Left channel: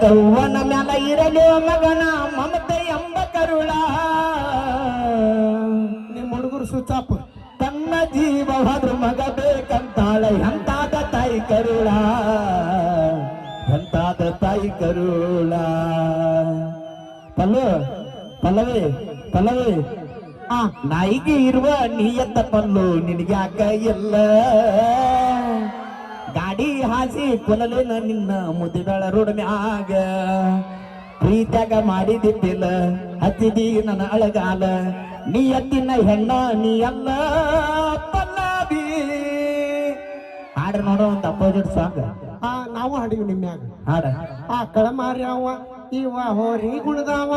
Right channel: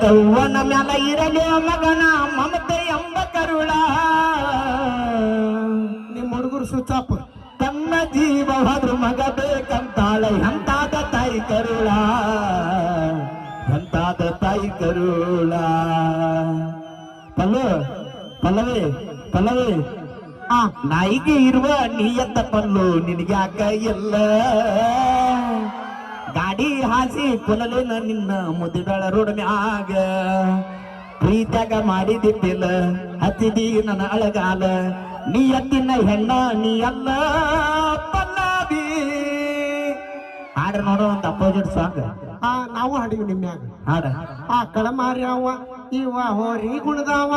ಯೌವನ ಮ್ಯಾಲ ಇರಲಿ ಮಗನ ಮಮತೆ ಎಂಬ ಕರುಳ ನಿಮ್ಮ ಹುಡುಗರು ಸುತ್ತಾಪ ತನ್ನ ಜೀವ ಹೋದ್ರ ಮಗ ಬೇಕಂತಾಳೆ ಎಂತಾದ ತಾಯಿ ಕರುಳ ಎಂತಾದ ತಾಯಿ ಕರುಳ ಪಲ್ಲು ಪಲ್ಲವಿ ಪಲ್ಲವಿ ಆ ನಾಯಿಗೆ ಇರುವ ನೀಯತ್ತ ಪಲ್ಲು ನಿನಗೆ ಅಕ್ಕ ಇಲ್ಲ ಗಾಡಿ ಹಾಸಿ ಕೊಲಲಿಲ್ಲ ನಿನ್ನ ಮುದಿದಳ ರೋಡ್ ಮ್ಯಾಗ. ಪ್ರೀತ್ಯಾಗ ಮಾಡಿದಿದ್ದಿಲ್ಲ ಹತ್ತಿದಿ ನನ್ನ ಅಳಗಾಲ. ನೀ ಎತ್ತಿನ ಹೆಣ್ಣ ನೀ ಅಲ್ಲ ಪಲ್ಲವಿ. ಹಾಡ ನೋಡೋ ಒಂದು ಅಪೋಸಿಟ್ ಸಾಂಗ್ ಆ ನಾವು ಹಾಡಿವಿ ನಿಮ್ಮ್ಯಾಗ ಹಾಡ. ಆ ಕಳಮಾರಿ ಅವ ಇವ ಹೋರಿ ಗುಣದಾವ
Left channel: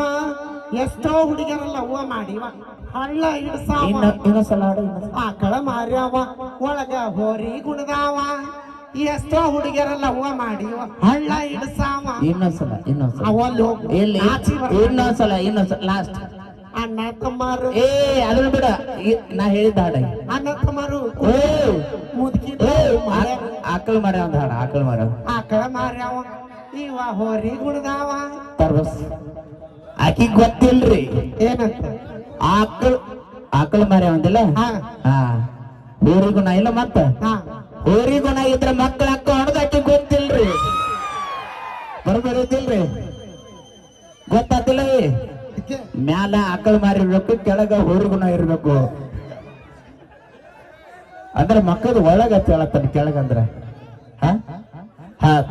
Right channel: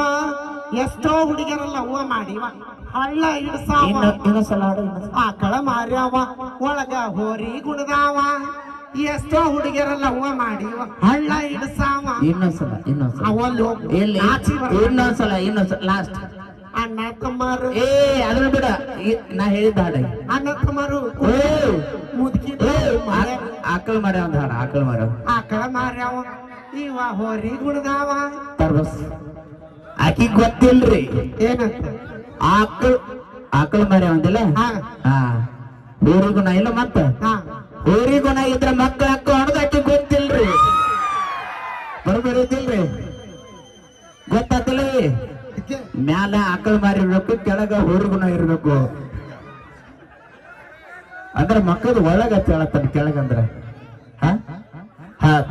ಎಷ್ಟೋ ಹುಡುಗಿಯರಲ್ಲ ಹೂವ ಮಾಡಿವ. ಹಳ್ಳ ಇಡ್ಸಾವ ಆ ಕಳಮಾರಿ ಅವ ಒಳಗ ಹೋರಿ ಗುಣದಾವ. ಎಷ್ಟೋ ಹುಡುಗಿಯರೆಲ್ಲ ಹೂವ ಮಾಡಿ ಹಳ್ಳ ಹಿಡ್ಸಾವ ಇನ್ನೊಂದ್ಸಲ ಇನ್ನೊಂದ್ಸಲ. ಅವಲ್ಲಿ ಹೋಗು. ಎಲ್ಲಿ. ಇನ್ನೊಂದ್ಸಲ ಇನ್ನೊಂದ್ಸಲ ಲಾಸ್ಟ್ ಅಣ್ಣ ತಮ್ಮರು. ಏ ಅದನ್ನ ಬಿಡ. ನಾ ಹೇಳಿದ್ದ ಹಾಡ ಅಣ್ಣ ತಮ್ಮರು. ಏ ಮುದುಕಿ ಆಕಳ ಮರ ಒಂದು ಹಾಡ ಆಕಳ ಮರ ಆಕಳ ಕಳಮಾರಿ ಅವ ಇವ ಹೋರಿ ಗುಣದಾವ ತರ್ಬಸ್ ಆಕಿ ಗೊತ್ತಿಲ್ರಿ. ಏನಂತ? ಆಕಳ ಆಕಳ ಮರ ಒಂದಿಲ್ಲ ಹಾ. ಹಾ. ಬೇರೆ ಗುಣ ಇಲ್ಲ ಮತ್ತ? ಹಾ. ಬೇರೆ ಗುಣ ಇದ್ರೆ ಮಕ್ಕಳ ಆಕಿ ಗೊತ್ತಿಲ್ರಿ. ಬರೋದಿಲ್ರಿ ಗೊತ್ತಾತಿಲ್ಲ ಅದಕ್ಕೆ ಮ್ಯಾಲ ಆಕಳ ಮಾರಿರ್ಬೇಕು, ಕೆಳಗ ಗುಣ ಇರ್ಬೇಕು. ಅಂದ್ರೆ ಮಕ್ಕಳು ಒಳಗ ಹೇಳತ್ತಾನ ಕೆಳಗಂದ್ರ ಹ?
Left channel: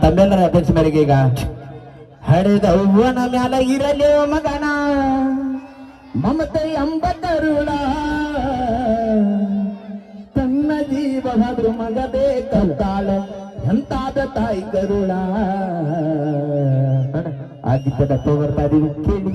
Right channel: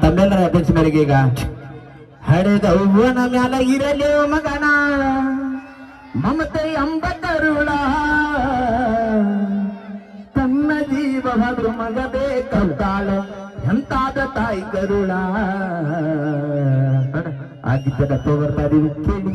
ತಮ್ಮೆಲ್ಲರ ಅಧ್ಯಕ್ಷ ಮೇರೆಗೆ ಈಗ ಹರಿದ ಹೂವನ ಮ್ಯಾಲ ಇರಲಿ ಮಗನ. ಮಮತೆ ಅಂಬತ್ತರುಳ ಹದ್ರು ಮಗ ಬೇಕಂತಾಳ ಎಂತಾದ ತಾಯಿ ಕರುಳ ಆಗಿದ್ದ ಕಥೆ ಬರ್ತಾ ಇದೀವಿ. ಕೇಳಿ.